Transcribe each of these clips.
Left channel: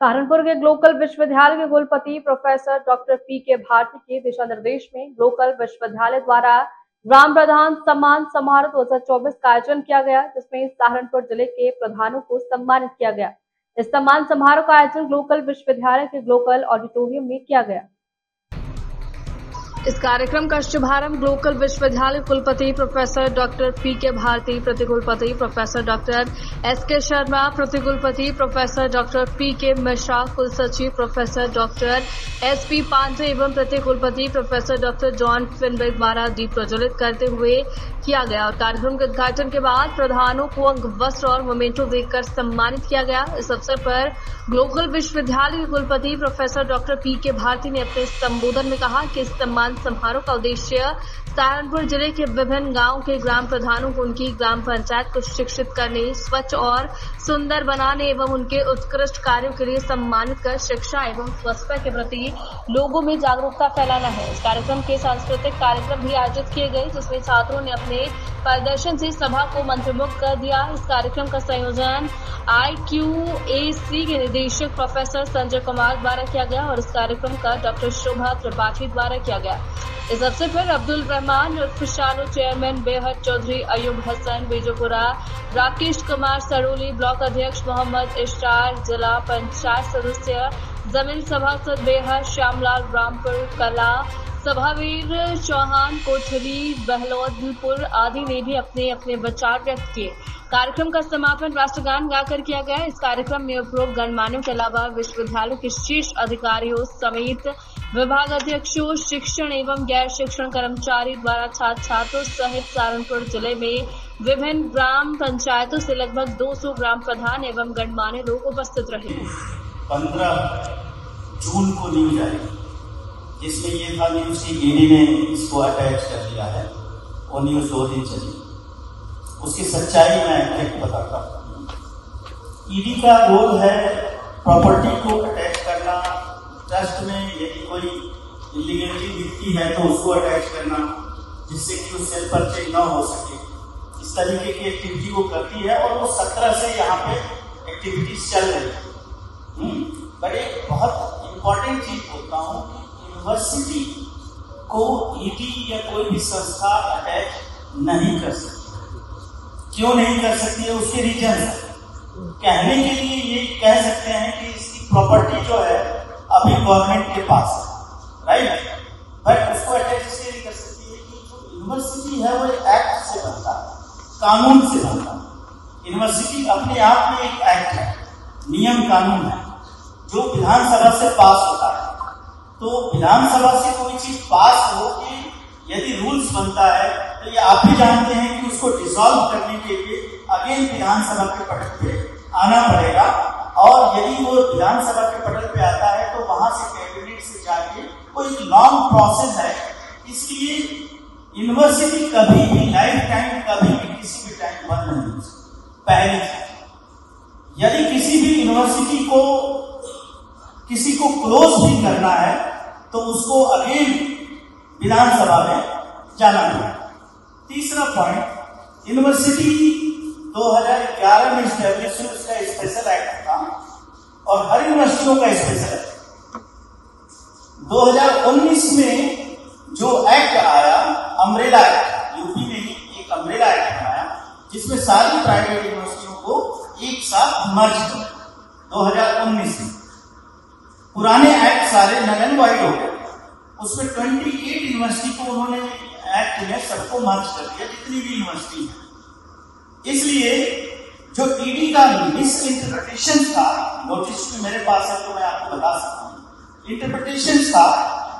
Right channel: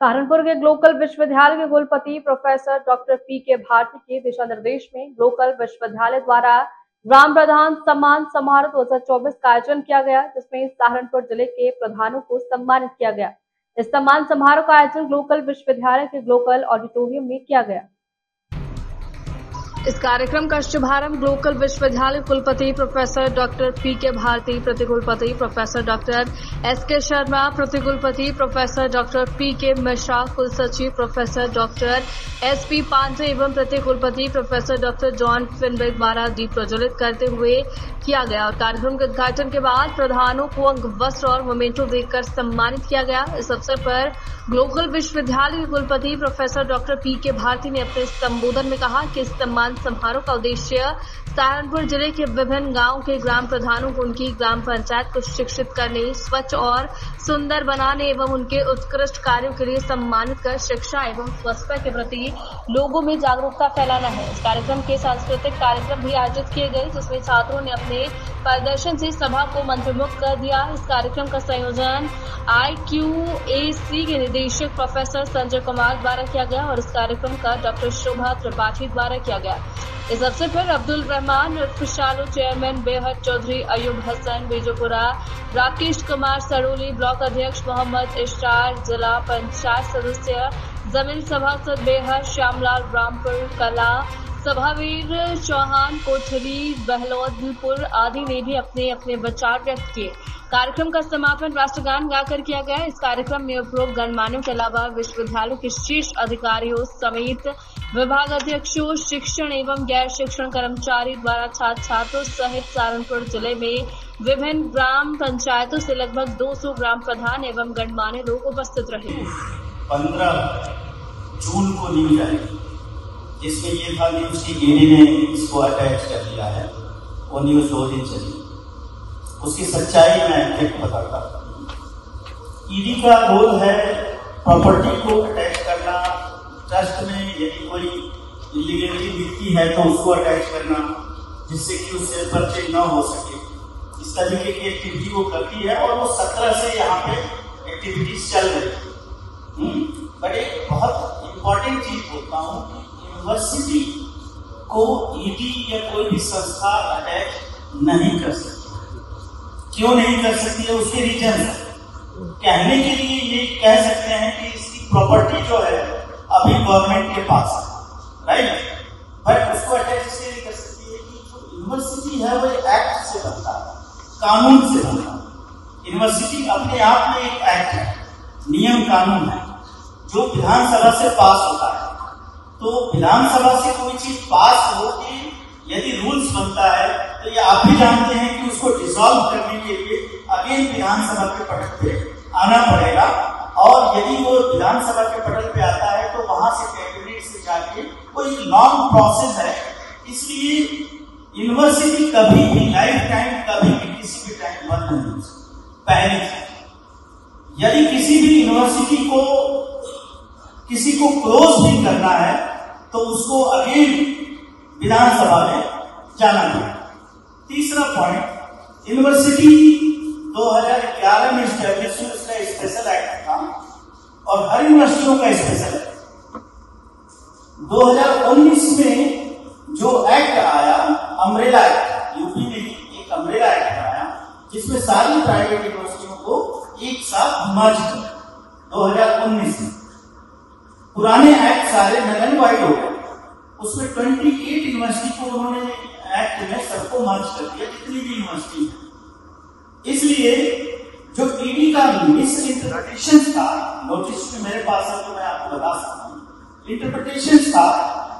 सहारनपुर के ग्लोकल विश्वविद्यालय के कुलपति प्रोफेसर डॉक्टर पी.के. भारती के दिशा निर्देश में ग्लोकल विश्वविद्यालय द्वारा ग्राम प्रधान सम्मान समारोह 2024 का आयोजन किया गया, जिसमें सहारनपुर जिले के प्रधानों को सम्मानित किया गया। इस सम्मान समारोह का आयोजन ग्लोकल विश्वविद्यालय के ग्लोकल ऑडिटोरियम में किया गया। इस कार्यक्रम का शुभारंभ ग्लोकल विश्वविद्यालय कुलपति प्रोफेसर डॉक्टर पी.के. भारती, प्रतिकुलपति प्रोफेसर डॉक्टर एस.के. शर्मा, प्रतिकुलपति प्रोफेसर डॉक्टर पी.के. मिश्रा, कुलसचिव प्रोफेसर डॉक्टर एस.पी. पांडे एवं प्रतिकुलपति प्रोफेसर डॉक्टर जॉन फिनबेक द्वारा दीप प्रज्वलित करते हुए किया गया और कार्यक्रम के उद्घाटन के बाद प्रधानों को अंग वस्त्र और मोमेंटो देकर सम्मानित किया गया। इस अवसर पर ग्लोकल विश्वविद्यालय के कुलपति प्रोफेसर डॉक्टर पी.के. भारती ने अपने संबोधन में कहा कि इस सम्मान समारोह का उद्देश्य सहारनपुर जिले के विभिन्न गांवों के ग्राम प्रधानों को उनकी ग्राम पंचायत को शिक्षित करने, स्वच्छ और सुंदर बनाने एवं उनके उत्कृष्ट कार्यों के लिए सम्मानित कर शिक्षा एवं स्वच्छता के प्रति लोगों में जागरूकता फैलाना है। इस कार्यक्रम के सांस्कृतिक कार्यक्रम भी आयोजित किए गए, जिसमें छात्रों ने अपने प्रदर्शन से सभा को मंत्रमुग्ध कर दिया। इस कार्यक्रम का संयोजन IQAC के निदेशक प्रोफेसर संजय कुमार द्वारा किया गया और इस कार्यक्रम का डॉक्टर शोभा त्रिपाठी द्वारा किया गया। इस अवसर पर अब्दुल रहमान फिशालो, चेयरमैन बेहद चौधरी, अयूब हसन बीजोपुरा, राकेश कुमार सरोली, ब्लॉक अध्यक्ष मोहम्मद इश्तार, जिला पंचायत सदस्य जमीन सभासद बेहद श्यामलाल रामपुर, कला सभावीर चौहान, कोठरी बहलोदपुर आदि ने भी अपने अपने विचार व्यक्त किए। कार्यक्रम का समापन राष्ट्रगान गाकर किया गया। इस कार्यक्रम में उपरोक्त गणमान्यों के अलावा विश्वविद्यालय के शीर्ष अधिकारियों समेत विभाग अध्यक्षों, शिक्षण एवं गैर शिक्षण कर्मचारी द्वारा छात्र छात्रों सहित सहारनपुर जिले में विभिन्न ग्राम पंचायतों से लगभग 200 ग्राम प्रधान एवं गणमान्य लोग उपस्थित रहे। 15 जून को न्यूज आई, जिसमें ये था न्यूज की ईडी ने इसको अटैच कर दिया है। वो न्यूज 2 दिन चली। उसकी सच्चाई मैं एक बताता हूँ। ईडी का रोल है प्रॉपर्टी को अटैच करना, ट्रस्ट में यदि कोई इलीगलिटी दिखती है तो उसको अटैच करना, जिससे कि उससे पर्चे न हो सके। इस तरीके की एक्टिविटी वो करती है और वो 17 से यहाँ पे एक्टिविटीज चल रही है। बट एक बहुत इंपॉर्टेंट चीज बोलता हूँ कि यूनिवर्सिटी को ईडी या कोई भी संस्था अटैच नहीं कर सकती। क्यों नहीं कर सकती है? उसके रीजन है। कहने के लिए ये कह सकते हैं कि इसकी प्रॉपर्टी जो है अभी गवर्नमेंट के पास है, राइट? बट उसको अटैच इसलिए नहीं कर सकती है कि जो यूनिवर्सिटी है वो एक्ट से बनता है, कानून से बनता है। यूनिवर्सिटी अपने आप में एक एक्ट है, नियम कानून है, जो विधानसभा से पास होता है। तो विधानसभा से कोई चीज पास हो कि यदि रूल्स बनता है तो ये आप भी जानते हैं कि उसको डिसॉल्व करने के लिए अगेन विधानसभा के पटल पे आना पड़ेगा, और यदि वो विधानसभा के पटल पे आता है तो वहां से कैबिनेट से जाके कोई लॉन्ग प्रोसेस है। इसलिए यूनिवर्सिटी कभी भी लाइफ टाइम कभी भी किसी भी टाइम बंद नहीं हो सकती। पहली, यदि किसी भी यूनिवर्सिटी को किसी को क्लोज भी करना है तो उसको अगेन विधानसभा में जाना है। तीसरा पॉइंट, यूनिवर्सिटी 2011 में स्टैब्लिश हुई, उसका स्पेशल एक्ट था और हर यूनिवर्सिटियों का स्पेशल एक्ट। 2019 में जो एक्ट आया, अम्ब्रेला एक्ट, यूपी में भी एक अम्ब्रेला एक्ट आया जिसमें सारी प्राइवेट यूनिवर्सिटियों को एक साथ मर्ज किया 2019 में। पुराने एक्ट सारे नल एंड वाइड हो गए। उसमें 28 यूनिवर्सिटी को उन्होंने एक्ट में सबको मर्ज कर दिया, जितनी भी यूनिवर्सिटी है। इसलिए जो ईडी का मिस इंटरप्रिटेशन था, नोटिस में मेरे पास है तो मैं आपको बता सकता हूँ। इंटरप्रिटेशन था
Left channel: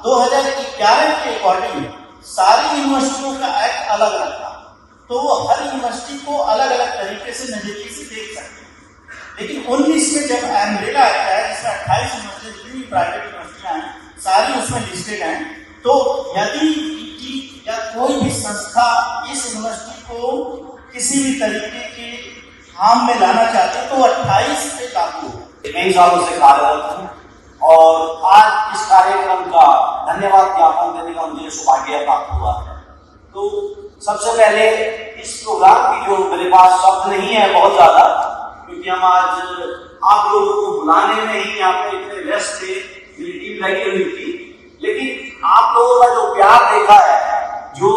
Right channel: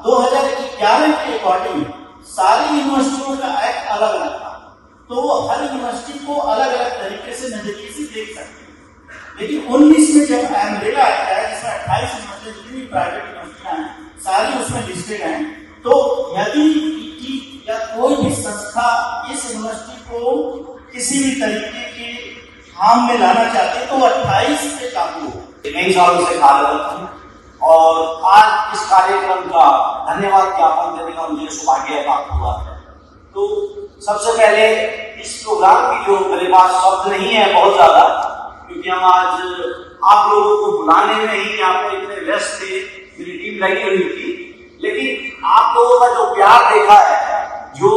2011 के अकॉर्डिंग सारी यूनिवर्सिटियों का एक्ट अलग अलग था, तो वो हर यूनिवर्सिटी को अलग अलग तरीके से नजरिए से देख सकते हैं। लेकिन 19 में जब अम्ब्रेला एक्ट आया, जिसमें 28 यूनिवर्सिटी जितनी भी प्राइवेट यूनिवर्सिटियां हैं सारी उसमें लिस्टेड हैं, तो यदि या कोई भी संस्था इस यूनिवर्सिटी को किसी भी तरीके के काम में लाना चाहते तो 28 पे लागू हो। कई सालों से कार्यरत हूँ और आज इस कार्यक्रम का धन्यवाद ज्ञापन देने का मुझे सौभाग्य प्राप्त हुआ है। तो सबसे पहले इस प्रोग्राम की जो मेरे पास शब्द नहीं है बहुत ज्यादा, क्योंकि हम आज आप लोगों को बुलाने में ही आप इतने व्यस्त थे, मेरी टीम लगी हुई थी, लेकिन आप लोगों का जो प्यार देखा है, जो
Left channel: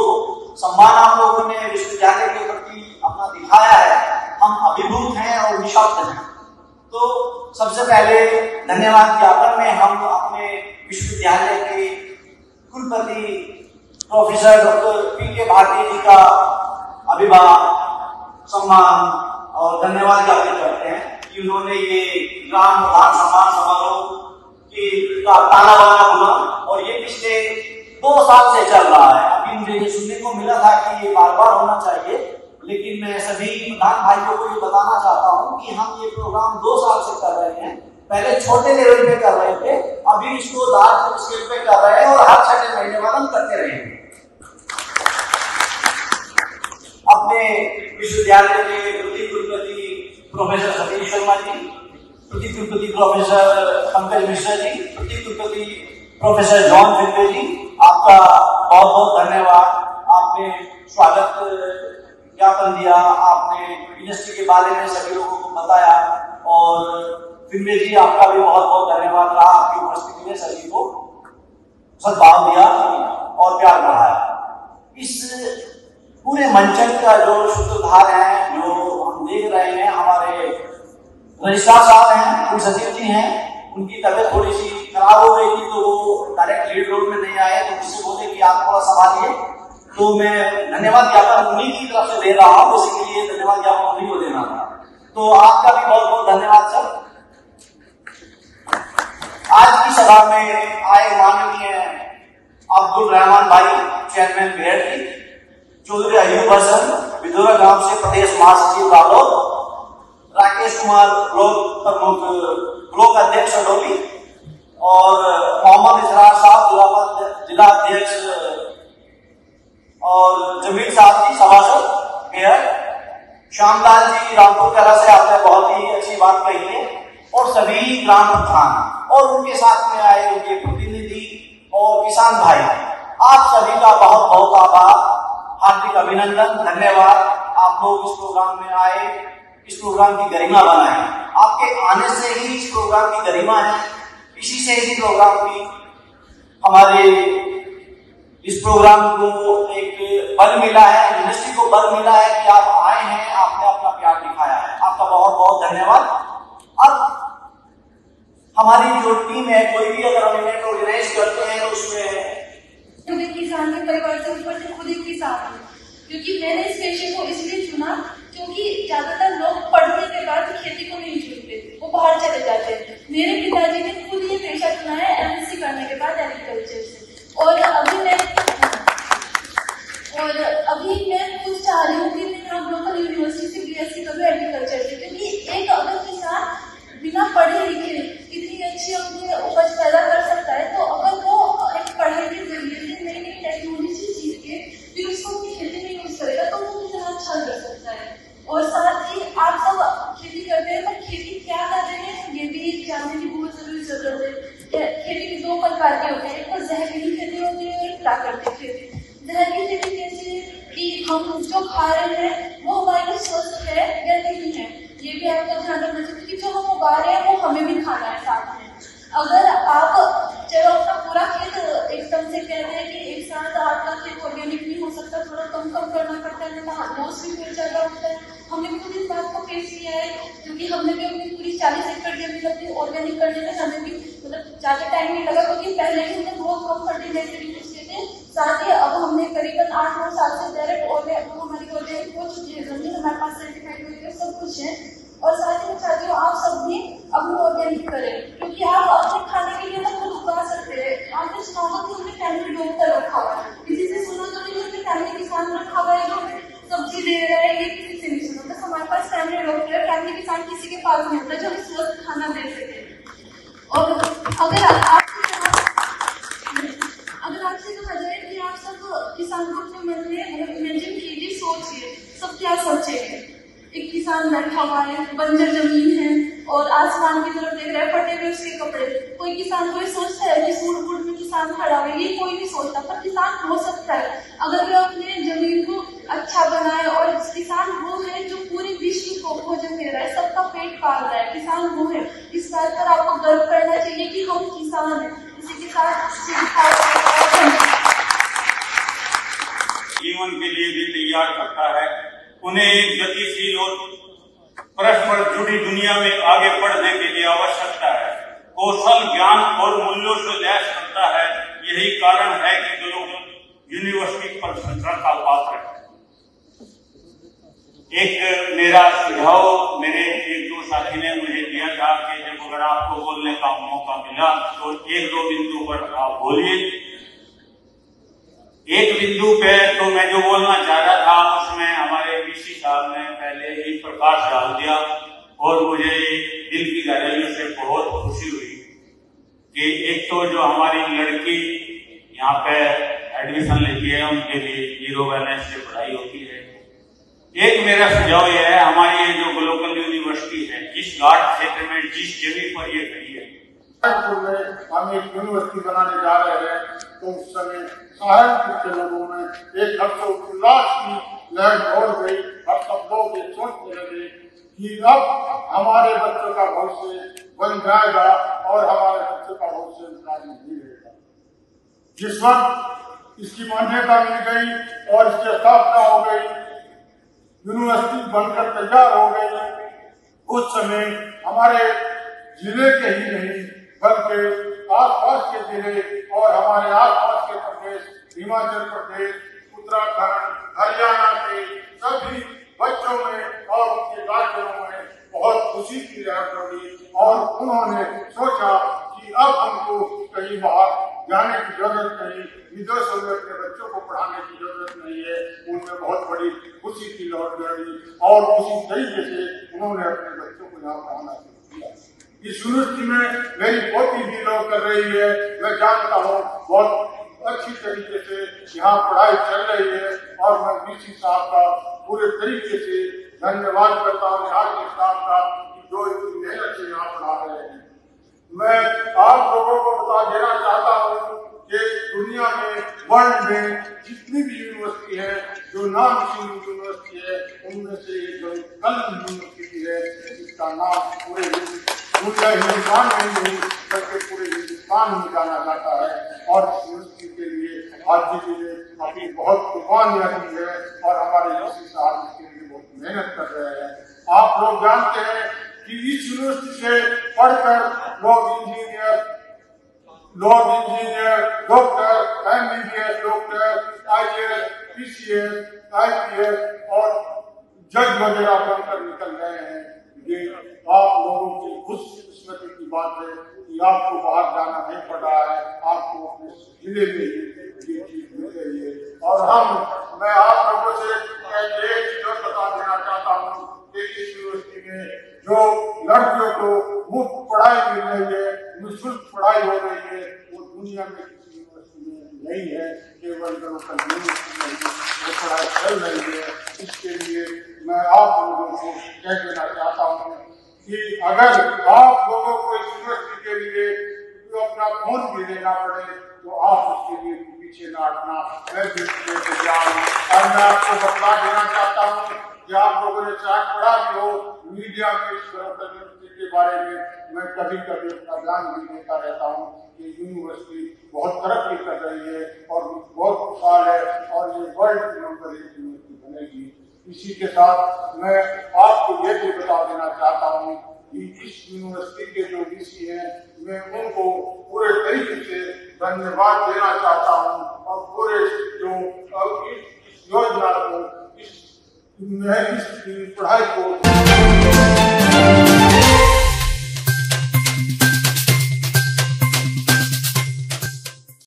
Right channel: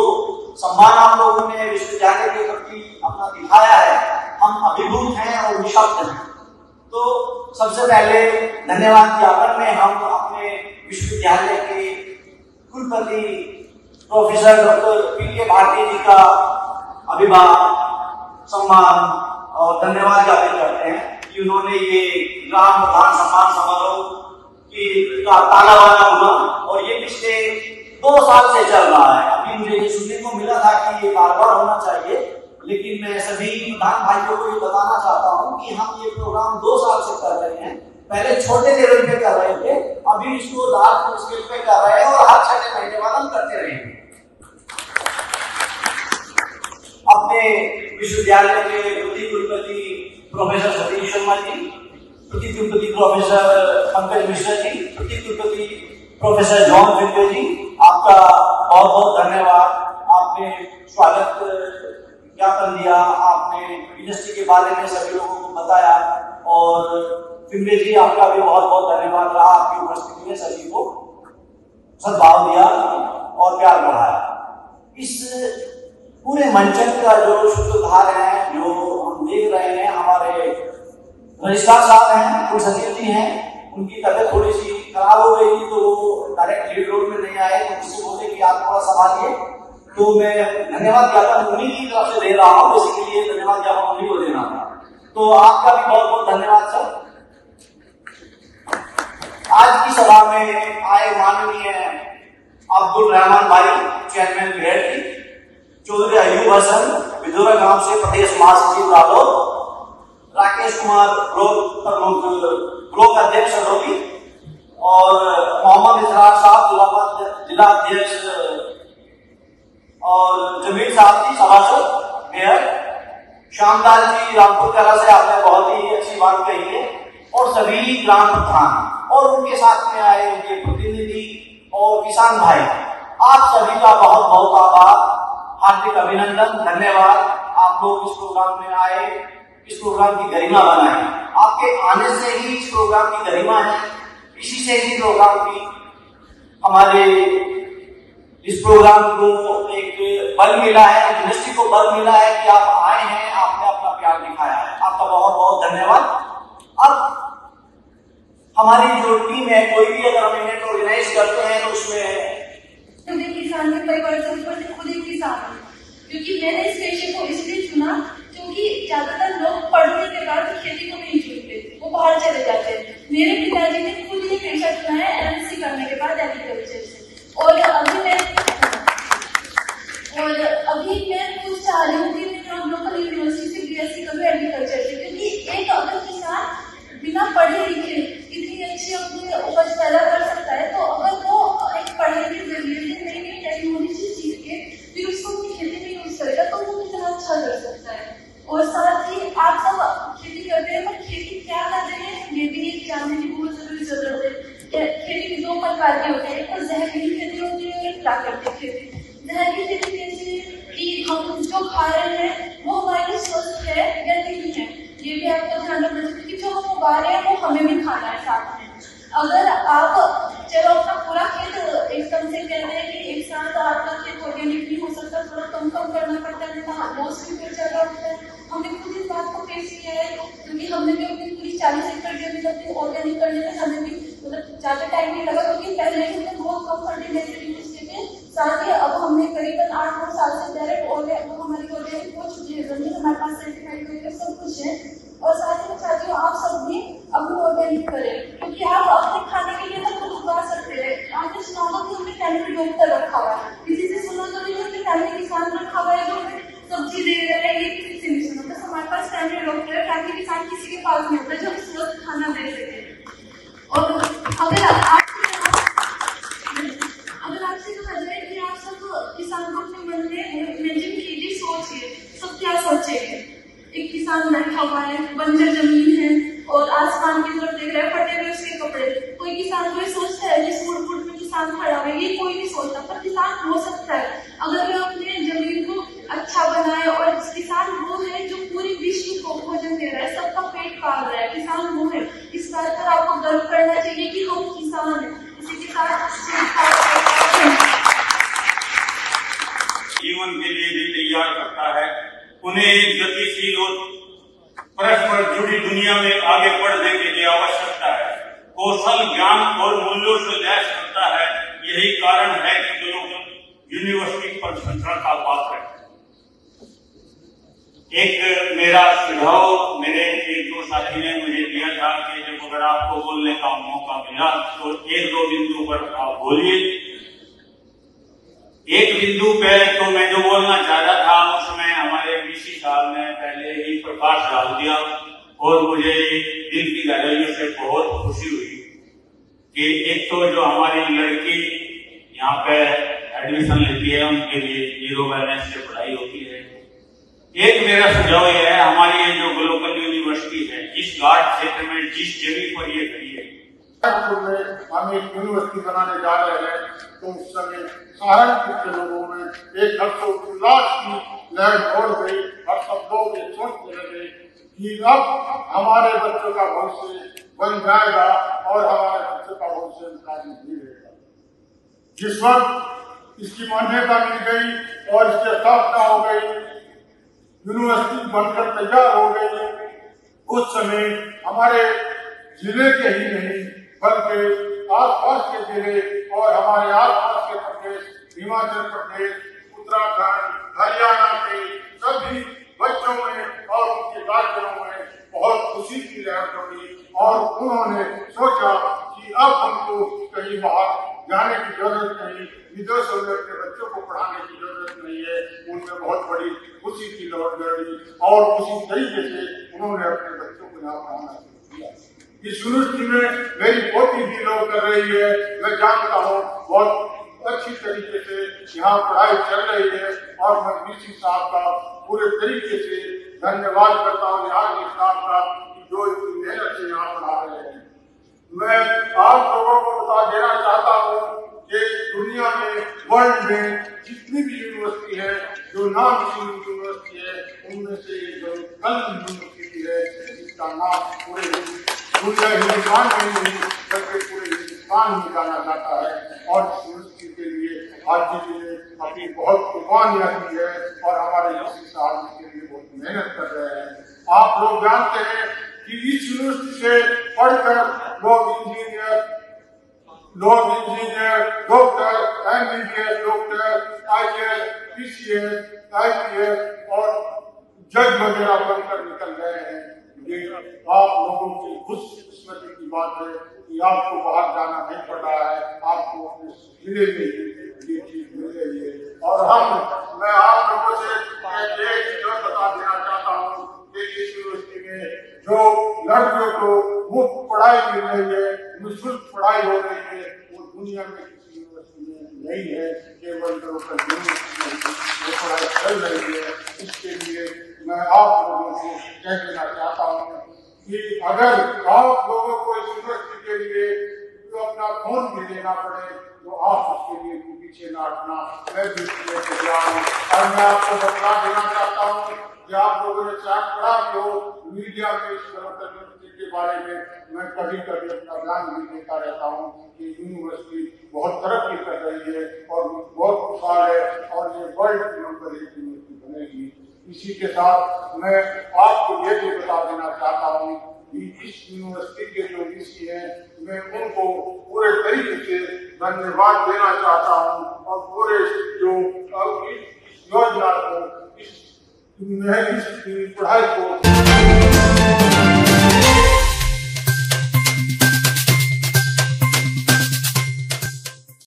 सम्मान आप लोगों ने विश्वविद्यालय के प्रति अपना दिखाया है, हम अभिभूत हैं और निशब्द हैं। तो सबसे पहले धन्यवाद ज्ञापन में हम अपने विश्वविद्यालय के कुलपति प्रोफेसर डॉक्टर पी.के. भारती जी का अभिमान, सम्मान और धन्यवाद ज्ञापित करते हैं कि उन्होंने ये ग्राम प्रधान सम्मान समारोह का ताला बना हुआ और ये पिछले 2 साल से चल रहा है। अभी मुझे ये सुनने को मिला था कि ये बार बार होना चाहिए, लेकिन मैं सभी प्रधान भाइयों को ये बताना चाहता हूँ कि हम ये प्रोग्राम 2 साल से कर रहे हैं। पहले छोटे लेवल पे कर रहे थे, अभी इसको लार्ज स्केल पे कर रहे हैं और हर 6 महीने बाद हम करते रहेंगे। अपने विश्वविद्यालय के प्रति कुलपति प्रोफेसर सतीश शर्मा जी, प्रति कुलपति प्रोफेसर पंकज मिश्रा जी, प्रति कुलपति प्रोफेसर जॉन फिंडे जी, आपका बहुत बहुत धन्यवाद। आपने स्वागत ज्ञापन दिया, आपने यूनिवर्सिटी के बारे में सभी लोगों को बताया और फिंडे जी आपका भी बहुत बहुत धन्यवाद रहा। आपकी उपस्थिति में सभी को सद्भाव दिया और प्यार बढ़ाया। इस पूरे मंचन का जो सूत्रधार है, जो हम देख रहे हैं, हमारे रजिस्ट्रार साहब हैं, कुल सचिव जी हैं, उनकी तबीयत थोड़ी सी खराब हो गई थी तो वो डायरेक्ट लीड रोड में नहीं आए, तो मुझसे बोले कि आप थोड़ा संभालिए, तो मैं धन्यवाद ज्ञापन उन्हीं की तरफ से दे रहा हूँ, इसलिए धन्यवाद ज्ञापन उन्हीं को देना था। तो आपका भी बहुत बहुत धन्यवाद सर। आज की सभा में आए माननीय अब्दुल रहमान भाई, चेयरमैन BIT, चौधरी अयूब हसन, विदुरा गांव से प्रदेश महासचिव रालोद, राकेश कुमार ब्लॉक प्रमुख, ब्लॉक अध्यक्ष अडोली, और मोहम्मद इसरार साहब जिला अध्यक्ष, और जमील साहब जी सभासद मेयर, श्यामलाल जी रामपुर कला से आपने बहुत ही अच्छी बात कही है, और सभी ग्राम प्रधान और उनके साथ में आए उनके प्रतिनिधि और किसान भाई, आप सभी का बहुत बहुत आभार, हार्दिक अभिनंदन, धन्यवाद। आप लोग इस प्रोग्राम में आए, इस प्रोग्राम की गरिमा बनाए। आपके आने से ही इस प्रोग्राम की गरिमा है, इसी से ही प्रोग्राम की हमारे इस प्रोग्राम को एक बल मिला है, यूनिवर्सिटी को बल मिला है कि आप आए हैं, आपने अपना प्यार दिखाया है। आपका बहुत बहुत धन्यवाद। अब हमारी जो टीम है, कोई भी अगर हम इवेंट ऑर्गेनाइज करते हैं तो उसमें किसान के परिवार से खुद एक किसान हूँ, क्योंकि मैंने इस पेशे को इसलिए चुना क्योंकि ज्यादातर लोग पढ़ने के बाद खेती को नहीं चुनते, वो बाहर चले जाते हैं। मेरे पिताजी ने खुद ये पेशा चुना है MSc करने के बाद एग्रीकल्चर से, और अभी मैं कुछ चाह रही हूँ कि मैं हम लोग यूनिवर्सिटी से BSc करूँ एग्रीकल्चर से, क्योंकि एक अगर किसान बिना पढ़े लिखे इतनी अच्छी अपनी उपज पैदा कर सकता है, तो अगर वो एक पढ़ने के जरिए से नई नई टेक्नोलॉजी सीख के फिर उसको खेती में यूज करेगा तो वो कितना अच्छा कर सकता है। और साथ ही आप सब खेती करते हैं, तो खेती क्या कर रहे हैं ये भी जानने की बहुत जरूरी जरूरत है। खेती 2 प्रकार की होती है, एक तो जहरीली खेती होती है और एक प्राकृतिक खेती। जहरीली खेती कैसी है कि हम जो खा रहे हैं वो हमारे स्वस्थ है या नहीं है, ये भी आपका ध्यान रखना चाहिए कि जो हम उगा रहे हैं वो हमें भी खाना है साथ में। अगर आप चलो अपना पूरा खेत एकदम से कहते हैं कि एक साथ आपका खेत ऑर्गेनिक नहीं हो सकता, थोड़ा कम करना पड़ता है, तो हार्मोन्स भी फिर ज्यादा होता है। हमने खुद इस बात को फेस किया है, क्योंकि हमने भी अपनी पूरी 40 एकड़ जमीन अपनी ऑर्गेनिक करने में हमें भी मतलब ज्यादा टाइम नहीं लगा, क्योंकि पहले हमने बहुत कम फर्टिलाइजर यूज किए थे। साथ ही अब हमने करीबन 8-9 साल से डायरेक्ट हमारी ऑर्गेनिक हो चुकी है जमीन, हमारे पास सर्टिफिकेट सब कुछ है। और साथ ही मैं चाहती हूँ आप सब भी अपनी ऑर्गेनिक करें, क्योंकि आप अपने खाने के लिए खुद उगा सकते हैं। आपने सुना कि उनके फैमिली डॉक्टर रखा हुआ है, किसी से सुना तो नहीं कि फैमिली किसान रखा हुआ है जो सब्जी दे रहा है, ये किसी से नहीं सुना। तो हमारे पास फैमिली डॉक्टर है, फैमिली किसान किसी के पास नहीं होता जो हमें स्वस्थ खाना दे सके। और अगर आपसे कहा जाए कि आप सब किसान को अपने मन में इमेजिन कीजिए, सोचिए सब क्या सोचेंगे। एक किसान बैठा हुआ है, बंजर जमीन है और आसमान की तरफ देख रहा है, फटे हुए उसके कपड़े। कोई किसान कोई सोचता है कि सूट फूट में किसान खड़ा है, ये कोई नहीं सोचता, पर किसान हो सकता है अगर वो अपने जमीन को अच्छा बनाए। और किसान वो है जो पूरी विश्व को भोजन दे रहा है, सबका पेट पाल रहा है, किसान वो है। जीवन के लिए भी तैयार करता है। उन्हें गतिशील और परस्पर जुड़ी दुनिया में आगे बढ़ने के लिए आवश्यकता है। कौशल, ज्ञान और मूल्यों से लैस करता है। यही कारण है कि लोग यूनिवर्सिटी प्रशंसा का पात्र है। एक मेरा सुझाव मेरे जो साथी ने मुझे दिया था कि जब अगर आपको बोलने का मौका मिला तो एक दो बिंदु पर आप बोलिए। एक बिंदु पे तो मैं जो बोलना चाह रहा था उसमें हमारे वीसी साहब ने पहले ही प्रकाश डाल दिया और मुझे दिल की गहराइयों से बहुत खुशी हुई कि एक तो जो हमारी लड़की यहाँ पे एडमिशन लेती है उनके लिए 0 बैलेंस से पढ़ाई होती है। एक मेरा सुझाव यह है, हमारी ये जो ग्लोबल यूनिवर्सिटी है, जिस घाट क्षेत्र में जिस जमीन पर ये खड़ी है, हम एक यूनिवर्सिटी बनाने जा रहे हैं तो उस समय सहारनपुर के लोगों में एक हर्षोल्लास की लहर दौड़ गई और सब लोग ये सोचने लगे कि अब हमारे बच्चों का भविष्य बन जाएगा और हमारे बच्चों का भविष्य नहीं रहेगा। जिस वक्त इसकी मान्यता मिल गई और इसकी स्थापना हो गई, यूनिवर्सिटी बनकर तैयार हो गई, उस समय हमारे जिले के ही नहीं बल्कि आसपास के जिले और हमारे आसपास के प्रदेश, हिमाचल प्रदेश, उत्तराखंड, हरियाणा के सभी बच्चों में और उनके गार्जियनों में बहुत खुशी की लहर पड़ी और उन्होंने सोचा कि अब हमको कहीं बाहर जाने की जरूरत नहीं, विदेशों में अपने बच्चों को पढ़ाने की जरूरत नहीं है। उनमें बहुत बड़ी खुशी की लहर लड़ी और उसी तरीके से उन्होंने अपने बच्चों को यहाँ पढ़ाना शुरू किया। इस यूनिवर्सिटी में मेरी पोती भी लॉ कर रही है, मैं जानता हूँ बहुत अच्छी तरीके से यहाँ पढ़ाई चल रही है और मैं वीसी साहब का पूरे तरीके से धन्यवाद करता हूँ यहाँ के स्टाफ का जो इतनी मेहनत से यहाँ पढ़ा रहे हैं। मैं आप लोगों को बता देना चाहता हूँ कि दुनिया में वर्ल्ड में जितनी भी यूनिवर्सिटी है, जो नामचीन यूनिवर्सिटी है, उनमें से एक यूनिवर्सिटी है जिसका नाम पूरे हिंदुस्तान में नहीं बल्कि पूरे हिंदुस्तान में जाना जाता है और इस यूनिवर्सिटी के लिए आज जी ने अपनी बहुत कुर्बानियां दी है और हमारे वीसी साहब इसके लिए बहुत मेहनत कर रहे हैं। आप लोग जानते हैं कि इस यूनिवर्सिटी से पढ़कर लोग engineer, doctor, MBBS doctor, IAS, PCS, IPS और जज वगैरह बनकर निकल गए हैं। आप लोगों की खुशकिस्मती की बात है कि आपको बाहर जाना नहीं पड़ रहा है, आपको अपने जिले में ये चीज मिल रही है। और मैं आप लोगों से एक चीज बता देना चाहता हूँ कि इस यूनिवर्सिटी में जो लड़कियों को मुफ्त पढ़ाई मिल रही है, निःशुल्क पढ़ाई हो रही है, वो दुनिया में किसी यूनिवर्सिटी में नहीं है। केवल लोकल यूनिवर्सिटी में वो पढ़ाई चल रही है। इसके लिए मैं आप लोगों को कह देना चाहता हूँ कि अगर आप लोगों को इस यूनिवर्सिटी के लिए जो अपना खून भी देना पड़े तो आप उसके लिए पीछे न हटना। मैं भी तैयार हूँ और मैं आपको बता देना चाहता हूँ कि आप लोगों ने चाहे पढ़ा भी हो, मीडिया में इस यूनिवर्सिटी के बारे में मैं कभी कभी अपना बयान भी देता रहता हूँ कि यूनिवर्सिटी बहुत तरक्की कर रही है और बहुत खुशहाल है और ये वर्ल्ड नंबर 1 यूनिवर्सिटी बनेगी। इसी के साथ मैं आपको ये भी बता देना चाहता हूँ कि इस यूनिवर्सिटी के जो वीसी हैं, मैं उनको पूरे तरीके से धन्यवाद देना चाहता हूँ और पूरे जो इस योजना को, इस पढ़ाई को